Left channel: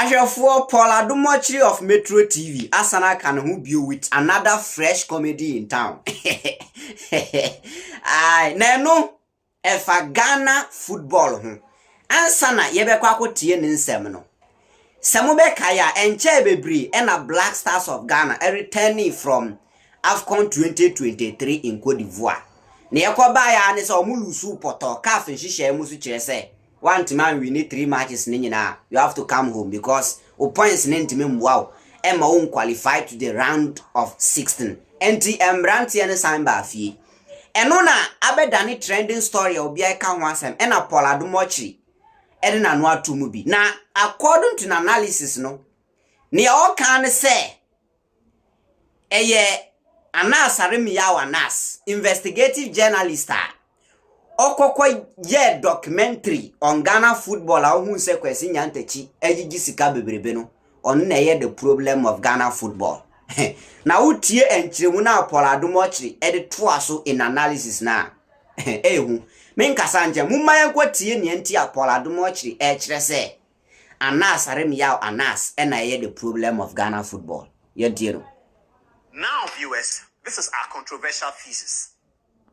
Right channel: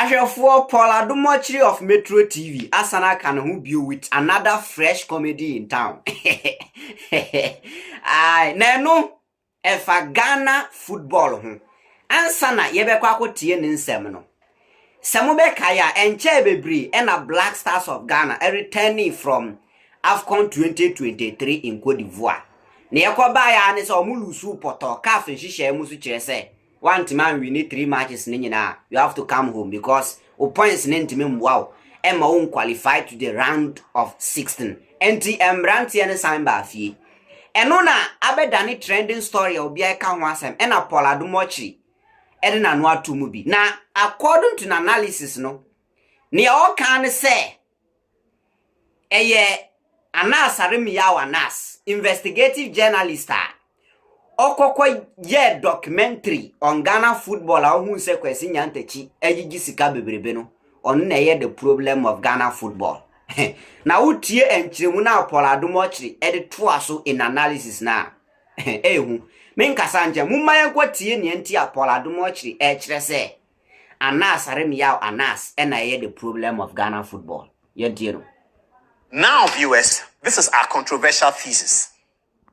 Ashefo Paul Adom Otchere of Metro TV asana kan ho bio with another fresh comedy in town. Ai na no efa Ghana football ho. Ansana yebekwa akotie ne nsem no. Semo be kaya enche bebri e na Black Stars of Ghana returning from AFCON 2023 in Cote d'Ivoire. Ne yakoba ya ne se omulusu poto CAF nhihye mu su kire se one man we need 3 matches nyina you have to come home because points nintime wow Emma won't qualify to the round of 16 enti emrantie ne san ba fie eno na abedane trending story obi aka ho asem e na Paul Adom Otchere e na no atomu bi na according to an analysis no ne o kan say eye Anas Anas investigative journalist okoko ye documentary on Ghana football who say kwesi nyantachi ejiji sika bebrebe no on na ye the problem of Ghana football na utie enchiremu na Paul Adom Otchere e to aso in analysis na ehu menkasa nje mumma yenkotie ne enti a Paul Adom Otchere e kire se Anas Anas na ye the problem of Ghana football ye die no. Now viewers, this is our controversial thesis.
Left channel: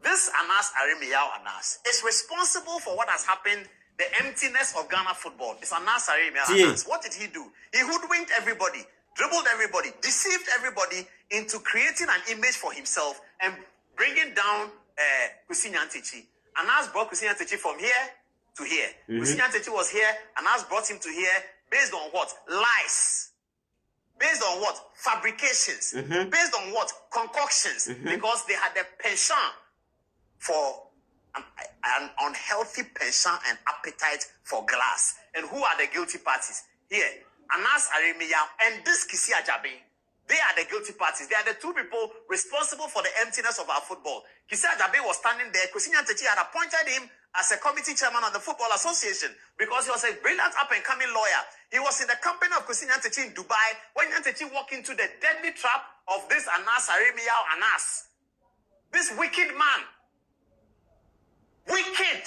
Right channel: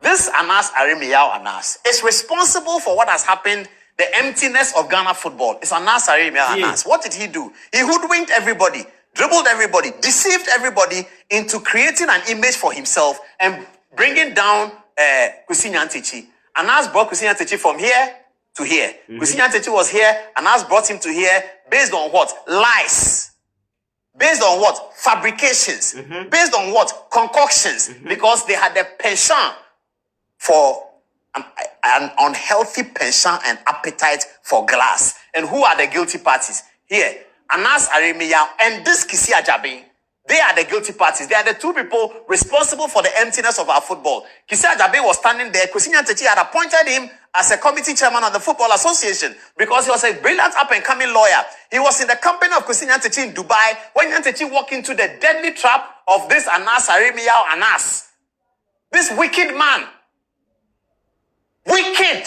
This Anas Anas is responsible for what has happened, the emptiness of Ghana football. It's Anas Anas. What did he do? He hoodwinked everybody, dribbled everybody, deceived everybody into creating an image for himself and bringing down Kwesi Nyantakyi. Anas brought Kwesi Nyantakyi from here to here. Kwesi Nyantakyi was here, Anas brought him to here based on what? Lies. Based on what? Fabrications. Based on what? Concoctions. Because they had a penchant for an unhealthy penchant and appetite for glass. And who are the guilty parties? Here, Anas and this Kisi Ajabe. They are the guilty parties. They are the two people responsible for the emptiness of our football. Kisi Ajabe was standing there. Kwesi Nyantakyi had appointed him as a committee chairman of the Football Association because he was a brilliant up-and-coming lawyer. He was in the company of Kwesi Nyantakyi in Dubai when Nyantakyi walked into the deadly trap of this Anas Anas. This wicked man. Wicked.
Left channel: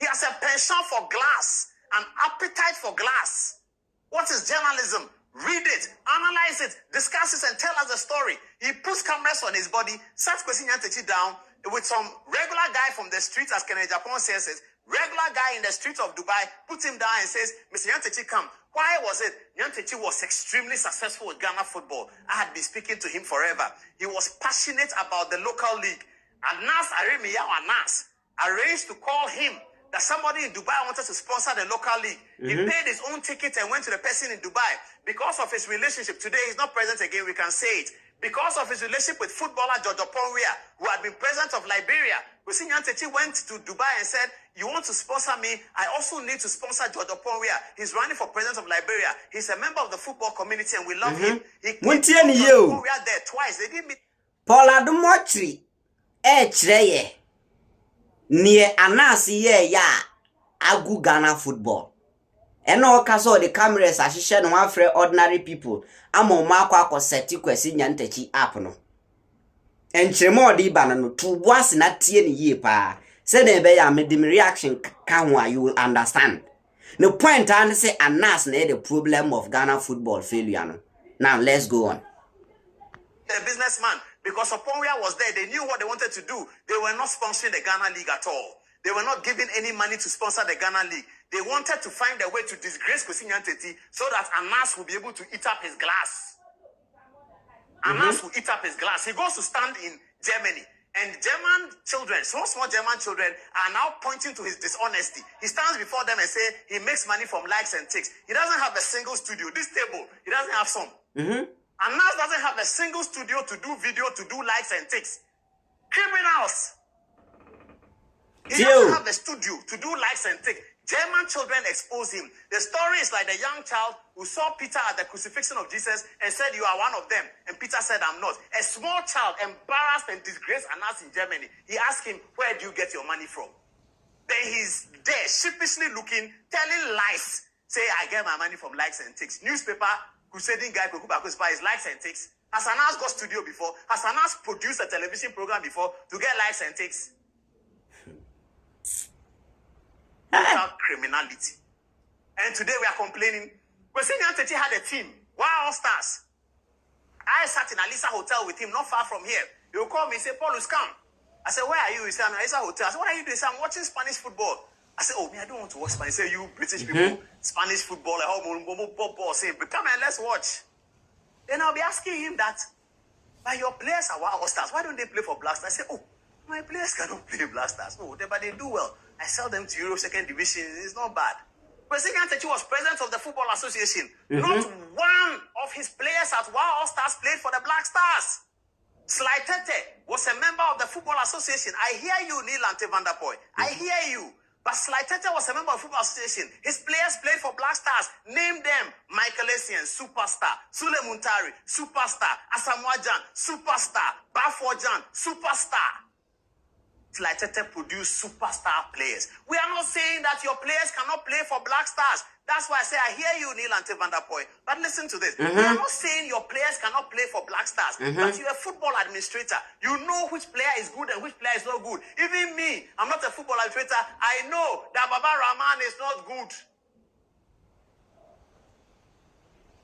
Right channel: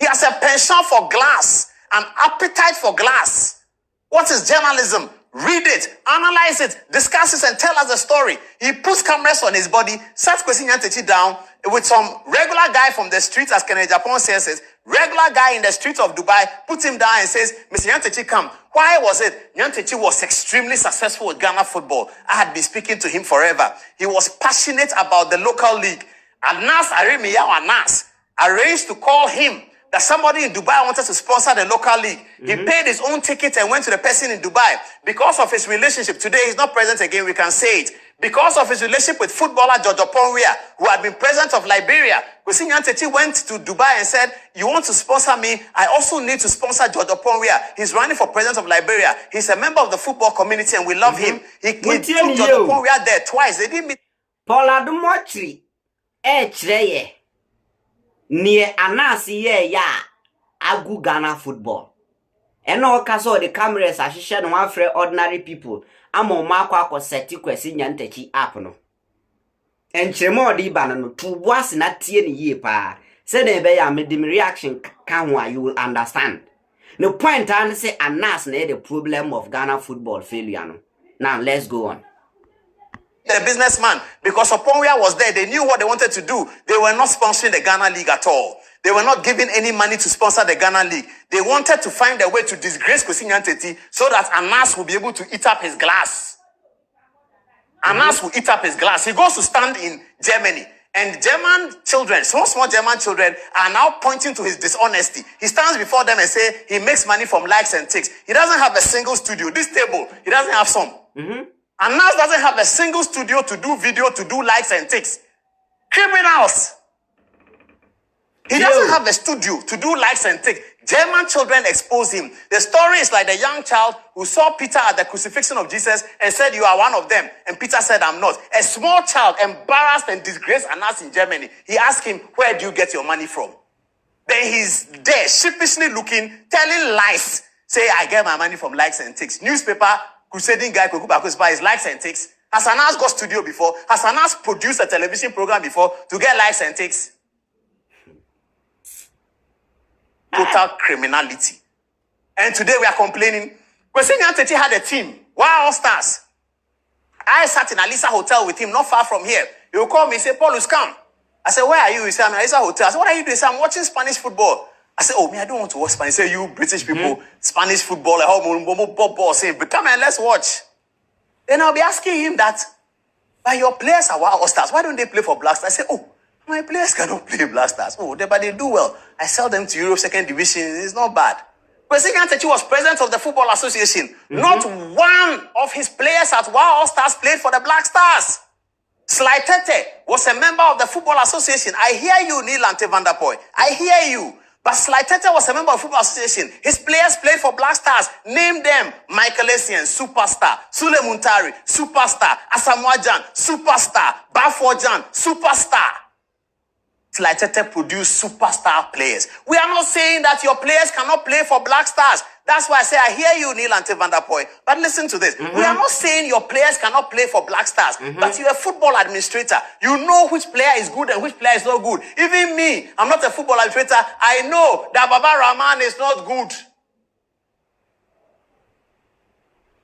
He has a penchant for glass, an appetite for glass. What is journalism? Read it, analyze it, discuss it, and tell us the story. He puts cameras on his body, sat Kwesi Nyantakyi down with some regular guy from the streets, as Kenneth Japan says, regular guy in the streets of Dubai, puts him down and says, Mr. Nyantakyi, come. Why was it? Nyantakyi was extremely successful with Ghana football. I had been speaking to him forever. He was passionate about the local league. Anas Anas arranged to call him that somebody in Dubai wanted to sponsor the local league. He paid his own ticket and went to the person in Dubai. Because of his relationship, today he's not present again, we can say it. Because of his relationship with footballer George Oponwia, who had been president of Liberia, Kwesi Nyantakyi went to Dubai and said, you want to sponsor me? I also need to sponsor George Oponwia. He's running for president of Liberia. He's a member of the football community and we love him. He took George Oponwia there twice. They didn't meet. Paul Adom Otchere chere near Anas ye ya agu Ghana football. Eno kaso the cameras ashishe no one free ordinary people. Amo makwa ko seti Kwesi Nyantakyi app no. Enchiremo di bana no to boas na tie ne yie pa. Say na be ya me dim reaction kan ho you will understand. The point and say Anas na the problem of Ghana football failure no. Now let's go on. The businessman, because Oponwia was there, they knew what they wanted to do. They were not sponsoring the Ghana League at all. They were not giving any money to sponsor the Ghana League. They wanted to find a way to disgrace Kwesi Nyantakyi so that Anas will be able to eat up his glass. Anas will eat up his glass. He goes to stand in Germany. And German children, small German children, are now pointing to his dishonesty. He stands before them and says he makes money from likes and ticks. He doesn't have a single studio. This table, he doesn't have some. Anas doesn't have a single studio to do video, to do likes and ticks. Criminals. He doesn't have a studio to do likes and ticks. German children expose him. The story is like the young child who saw Peter at the crucifixion of Jesus and said, you are one of them. And Peter said, I'm not. A small child embarrassed and disgraced Anas in Germany. He asked him, where do you get your money from? Then he's there, sheepishly looking, telling lies. Say, I get my money from likes and ticks. Newspaper, crusading guy, his likes and ticks. Has Anas got studio before? Has Anas produced a television program before to get likes and ticks? Total criminality. And today we are complaining Kwesi Nyantakyi had a team. Wow, Stars. I sat in Alisa Hotel with him, not far from here. He will call me, say, Paulus, come. I said, where are you? He said, I'm in Alisa Hotel. I said, what are you doing? He said, I'm watching Spanish football. I said, oh, me, I don't want to watch Spanish. He said, you British people, Spanish football, say, come and let's watch. Then I'll be asking him that, but your players are Wild Stars. Why don't they play for Black Stars? I say, oh, my players cannot play Black Stars. Oh, but they do well. I sell them to Europe 2nd Division. It's not bad. Kwesi Nyantakyi was president of the Football Association. Not one of his players at Wild Stars played for the Black Stars. Sly Tete was a member of the Football Association. I hear you, Neil Ante van der Poel. I hear you. But Sly Tete was a member of the Football Association. His players played for Black Stars. Name them. Michael Essien, superstar. Sule Muntari, superstar. Asamoah Gyan, superstar. Bafojan, superstar. Sly Tete produced superstar players. We are not saying that your players cannot play for Black Stars. That's why I say I hear you, Neil Ante van der Poel. But listen to this. We are not saying your players cannot play for Black Stars. But you're a football administrator. You know which player is good and which player is not good. Even me, I'm not a football administrator. I know that Baba Rahman is not good.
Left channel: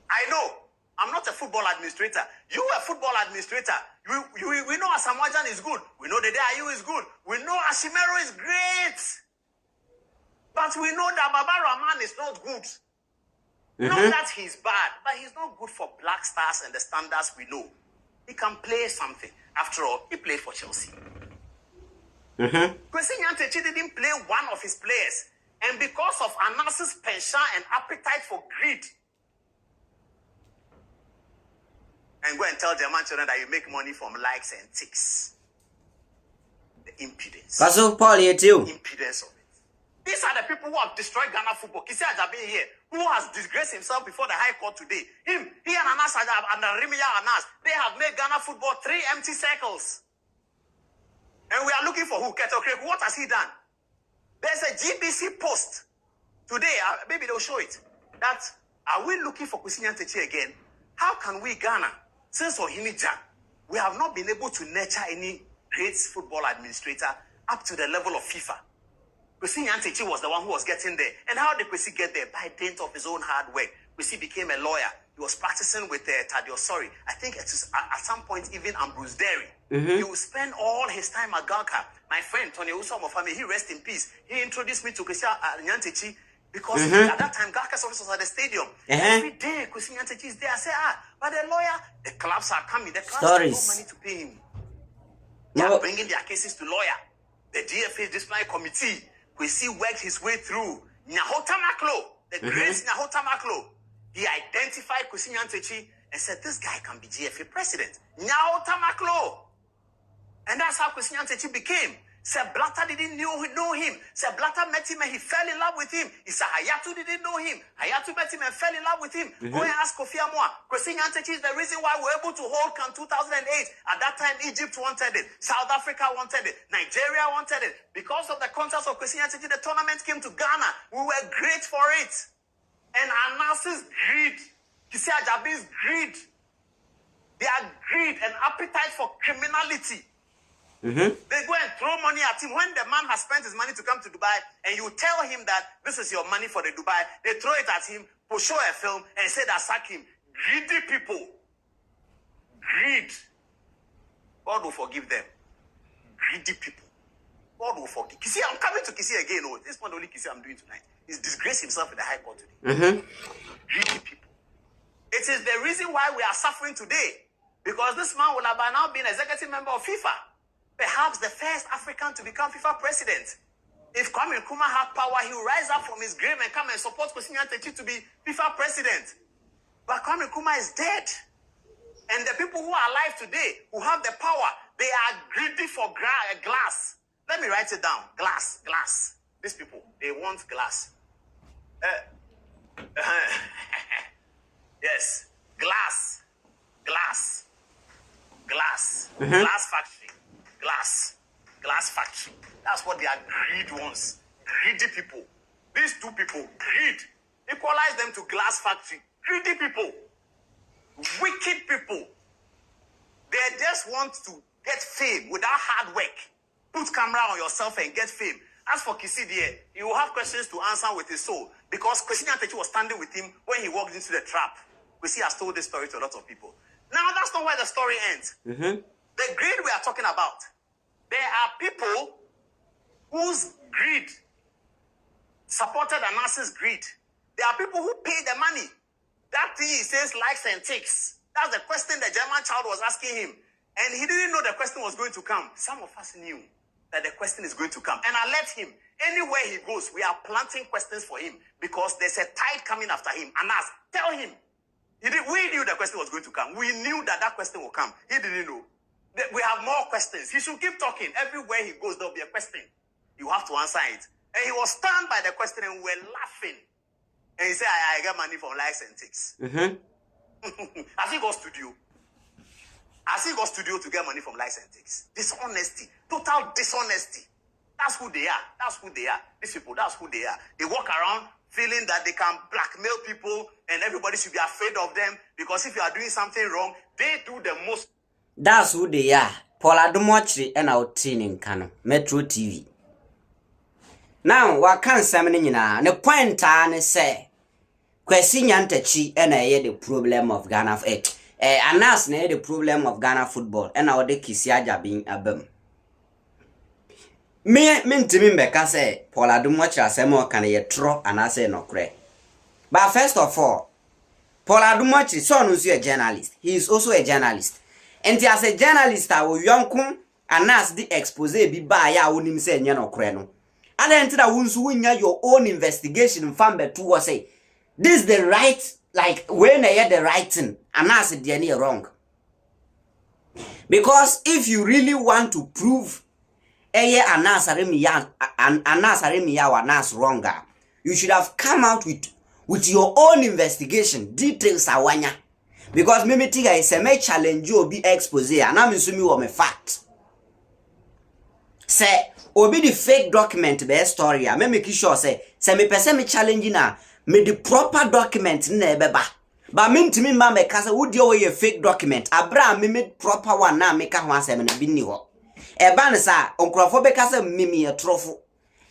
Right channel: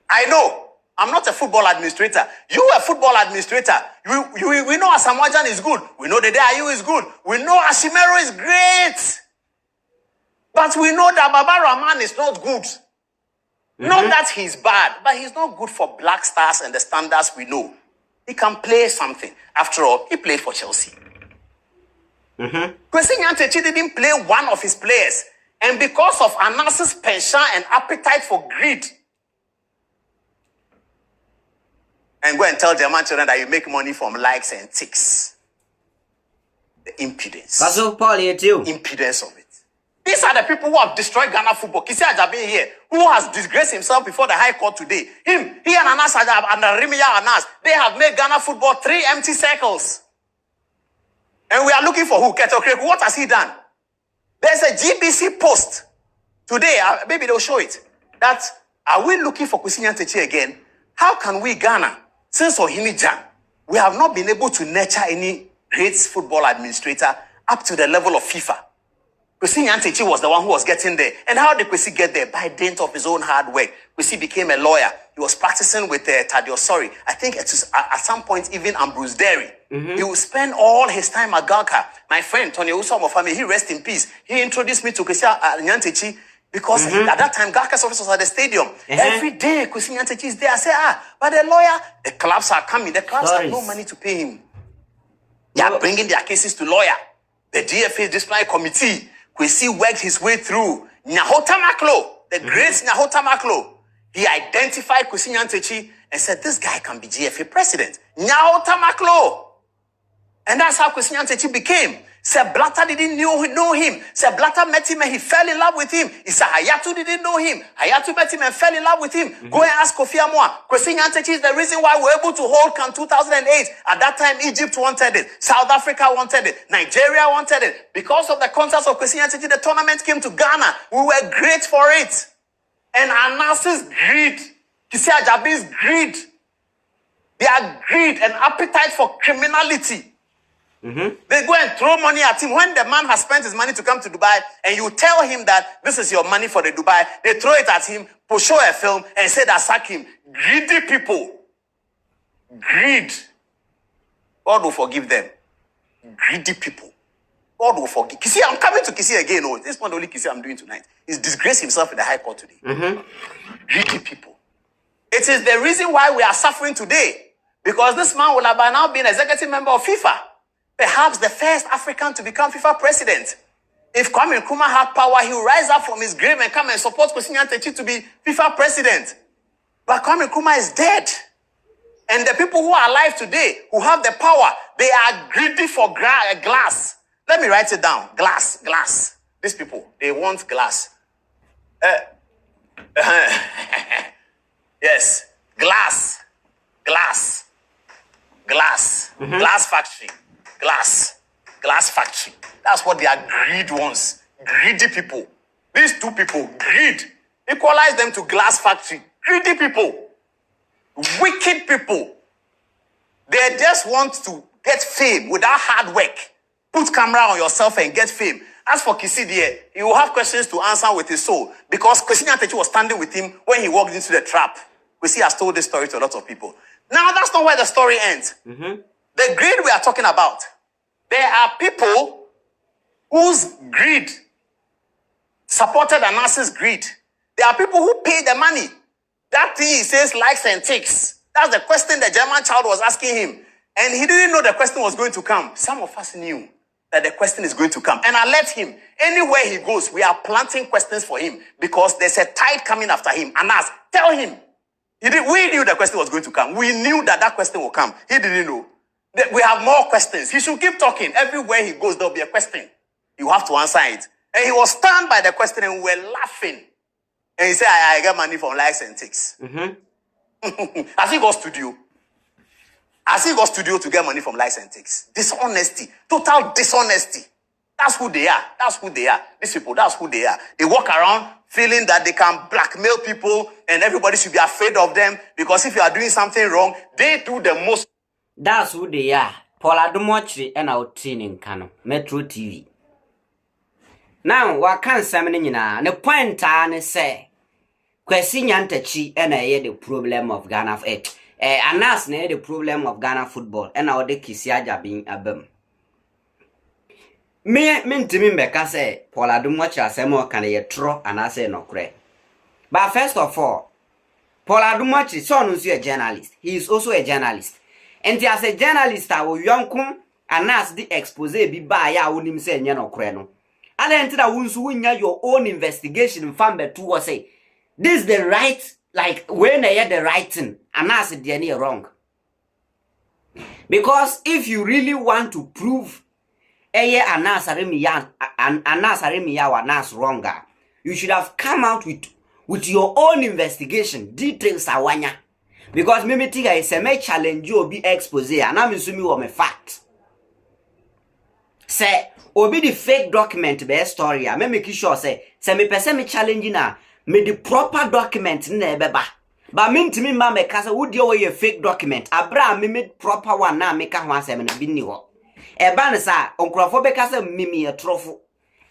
I know. I'm not a football administrator. You are a football administrator. We know Asamoah Gyan is good. We know Dede Ayew is good. We know Ashimero is great. But we know that Baba Rahman is not good. Not that he's bad, but he's not good for Black Stars and the standards we know. He can play something. After all, he played for Chelsea. Kwesi Nyantakyi didn't play one of his players. And because of Anas's penchant and appetite for greed, and go and tell German children that you make money from likes and ticks. The impudence. Impudence of it. These are the people who have destroyed Ghana football. Kisi Ajabi here, who has disgraced himself before the High Court today. He and Anas and Anas, they have made Ghana football 3 empty circles. And we are looking for who? Keto Kreku. What has he done? There's a GBC post today. Maybe they'll show it. That are we looking for Kwesi Nyantakyi again? How can we, Ghana, since Ohini Gyan, we have not been able to nurture any great football administrator up to the level of FIFA? Kwesi Nyantakyi was the one who was getting there. And how did Kwesi get there? By dint of his own hard work. Kwesi became a lawyer. He was practicing with Tadio Sorry. I think at some point even Ambrose Derry. He would spend all his time at Galka. My friend Tony Usomofami, he rest in peace. He introduced me to Kwesi Nyantakyi because at that time Galka's office was at the stadium. Every day Kwesi Nyantakyi is there. I say, but the lawyer, the clubs are coming. The clubs have no money to pay him. They are bringing their cases to lawyer. The DFA disciplinary committee. Kwesi worked his way through. Nyahota Maklo, the great Nyahota Maklo. He identified Kwesi Nyantakyi and said, this guy can be GFA president. Nyahota Maklo. And that's how Kwesi Nyantakyi became. Sir Blatter didn't know him. Sir Blatter met him and he fell in love with him. Issa Hayatu didn't know him. Hayatu met him and fell in love with him. Go and ask Kofi Amwa. Kwesi Nyantakyi is the reason why we were able to hold CAN 2008. At that time, Egypt wanted it. South Africa wanted it. Nigeria wanted it. Because of the contacts of Kwesi Nyantakyi, the tournament came to Ghana. We were great for it. And Anas's greed, Kisi Ajabi's greed, their greed and appetite for criminality. They go and throw money at him. When the man has spent his money to come to Dubai and you tell him that this is your money for the Dubai, they throw it at him, show a film and say that sack him. Greedy people. Greed. God will forgive them. Greedy people. God will forgive. Kisi, I'm coming to Kisi again. Oh, this is not the only Kisi I'm doing tonight. He's disgraced himself in the High Court today. Greedy people. It is the reason why we are suffering today. Because this man will have by now been executive member of FIFA. Perhaps the first African to become FIFA president. If Kwame Nkrumah had power, he would rise up from his grave and come and support Kwesi Nyantakyi to be FIFA president. But Kwame Nkrumah is dead. And the people who are alive today, who have the power, they are greedy for glass. Let me write it down. Glass. These people, they want glass. Yes. Glass factory. Glass factory. That's what their greed wants. Greedy people. These two people, greed. Equalize them to glass factory. Greedy people. Wicked people. They just want to get fame without hard work. Put camera on yourself and get fame. As for Kisi there, he will have questions to answer with his soul because Kwesi Nyantakyi was standing with him when he walked into the trap. Kwesi has told this story to a lot of people. Now, that's not where the story ends. The greed we are talking about, there are people whose greed supported Anas's greed. There are people who pay the money. That thing he says likes and takes. That's the question the German child was asking him. And he didn't know the question was going to come. Some of us knew that the question is going to come. And I let him. Anywhere he goes, we are planting questions for him because there's a tide coming after him. Anas, tell him. We knew the question was going to come. We knew that that question will come. He didn't know. We have more questions. He should keep talking. Everywhere he goes, there'll be a question. You have to answer it. And he was stunned by the question and we were laughing. And he said, I get money from likes and takes. As he got studio. As he got studio to get money from likes and takes. Dishonesty. Total dishonesty. That's who they are. That's who they are. These people, that's who they are. They walk around feeling that they can blackmail people and everybody should be afraid of them because if you are doing something wrong, they do the most. That's who they are. Adom Otchere and our training Kano. Metro TV. Now, what can Sammy na the point and say Kwesi Nyantakyi and I the problem of Ghana Anas na the problem of Ghana football and our de Kisiaja being abem. Me ntimi mbeka say Adom Otchere asemo kan ye tro anase no kre. But first of all, Adom Otchere so no a journalist. He is also a journalist. And as a journalist I will yonkum Anas the expose bi ba ya wonim say nye no kre no. Adenti da wunsu wunya your own investigation from betu was say this the right like when I the right thing Anas the any wrong. Because if you really want to prove Anas wronger, you should have come out with your own investigation details awanya. Because me tiga is a challenge you be expose and I'm assuming you a fact. Say obi the fake document be story me make sure say me person me challenge na me the proper document na beba. But me ntimi ma me ka say wo dey we fake document abra me made proper one na me ka ho asem na bi ni ho. Eba ne sa onkrofo be ka say mimi e trofo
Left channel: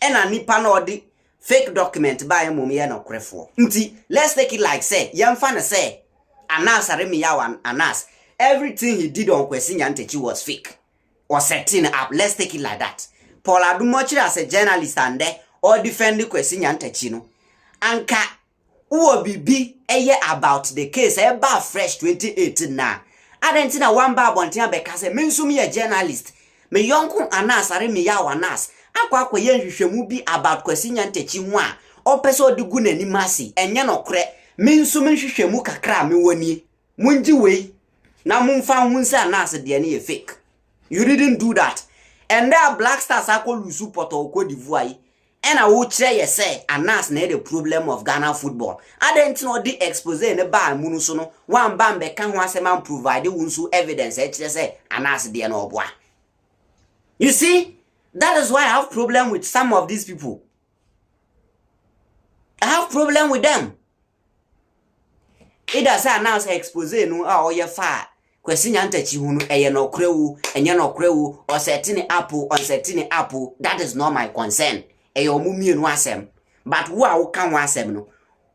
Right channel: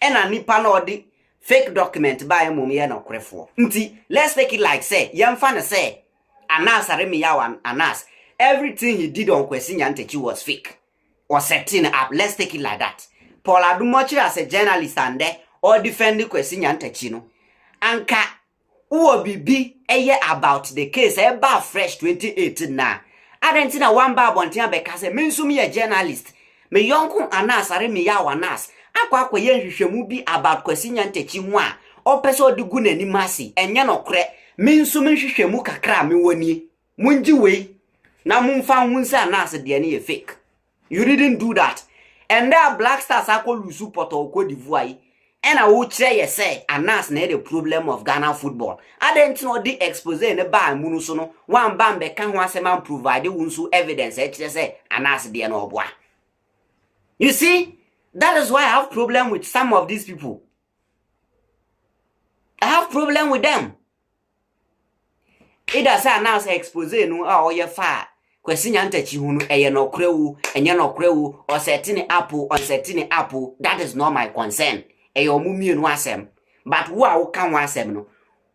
e na nipa na odi fake document ba em mum ye na krefo. Nti let's take it like say yemfa ne say Anas Anas everything he did on Kwesi Nyantakyi was fake or setting up. Let's take it like that. Adom Otchere as a journalist and there or defending Kwesi Nyantakyi no anka uwo bibi eye about the case eba fresh 2018 na adenti na one ba bontia be ka say me nso me journalist me yonko Anas Anas akwa ye nhwehwemu bi about Kwesi Nyantakyi ho a opese odigu nani masi enye no kre me nso me nhwehwemu kakra me woni munji wei na mumfa hunse Anas de ne fake. You didn't do that. And there Black Stars akolu support or Cote d'Ivoire. And I will say say Anas na the problem of Ghana football. I didn't know the expose ne ba munusono one bambe kan ho asema provide unsu evidence say Anas de no boa. You see, that is why I have problem with some of these people. I have problem with them. It does Anas expose no or ye fa Kwesi Nyantakyi hu no eye no krewu enye no krewu or setting apple on setting apple. That is not my concern. Eye omumienu asem. But wo a wo kan asem no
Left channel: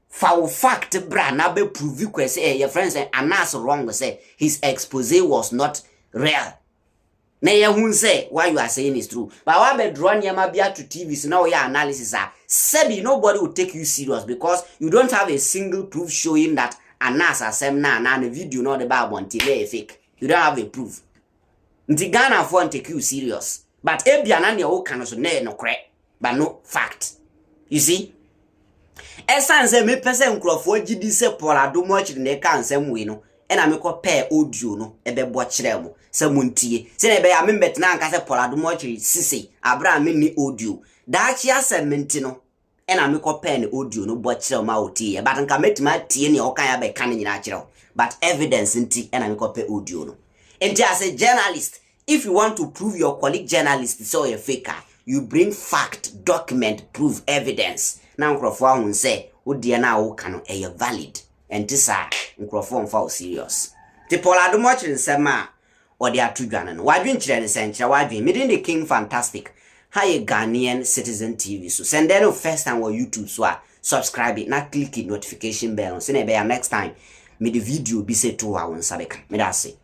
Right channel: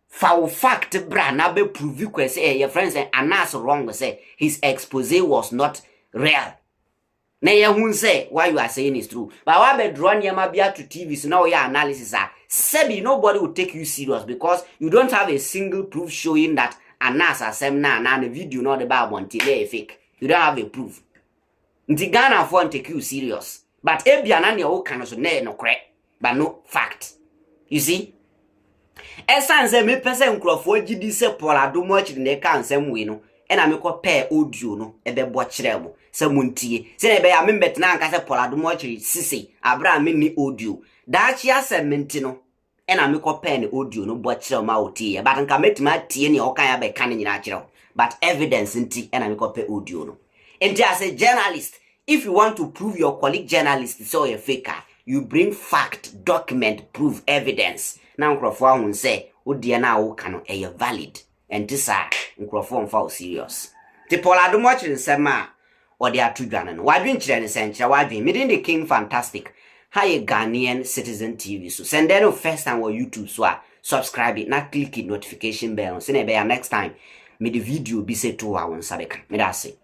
fa fact bra na be prove Kwesi your friends say Anas wrong say his expose was not real. Na ye hu say what you are saying is true. But wa be draw nyama bia to TVs now your analysis are sebi nobody will take you serious because you don't have a single proof showing that Anas asem na the video no the Bible until fake. You don't have a proof. Nti Ghana for take you serious. But ebia na ne o kan so na no kre. But no fact. You see? Esanse me person nkrofo gidi se Adom Otchere ne kan nsem we no. E na me ko pair audio no e be bo kire mo. Se muntie. Se na be ya me betena anka se Adom Otchere sisi. Abra me ni audio. Da chi asem menti no. Ena me ko pen audio no bo kire ma otie but nka metima tie ne o kan ya be kan nyina kire but evidence nti ena me ko pe audio no. And as a journalist, if you want to prove your colleague journalist so a faker, you bring fact, document, proof, evidence. Now nkrofo ahun say odie na wo kan no valid and this are nkrofo mfa serious. Ti Adom Otchere nsema odi atudwane no wadwen kire ne senche wadwen midin the king fantastic. Hi Ghanaian Citizen TV. So send them first time on YouTube so subscribe it, not click the notification bell. So next time me the video be say to our one sabeka. Me that's it.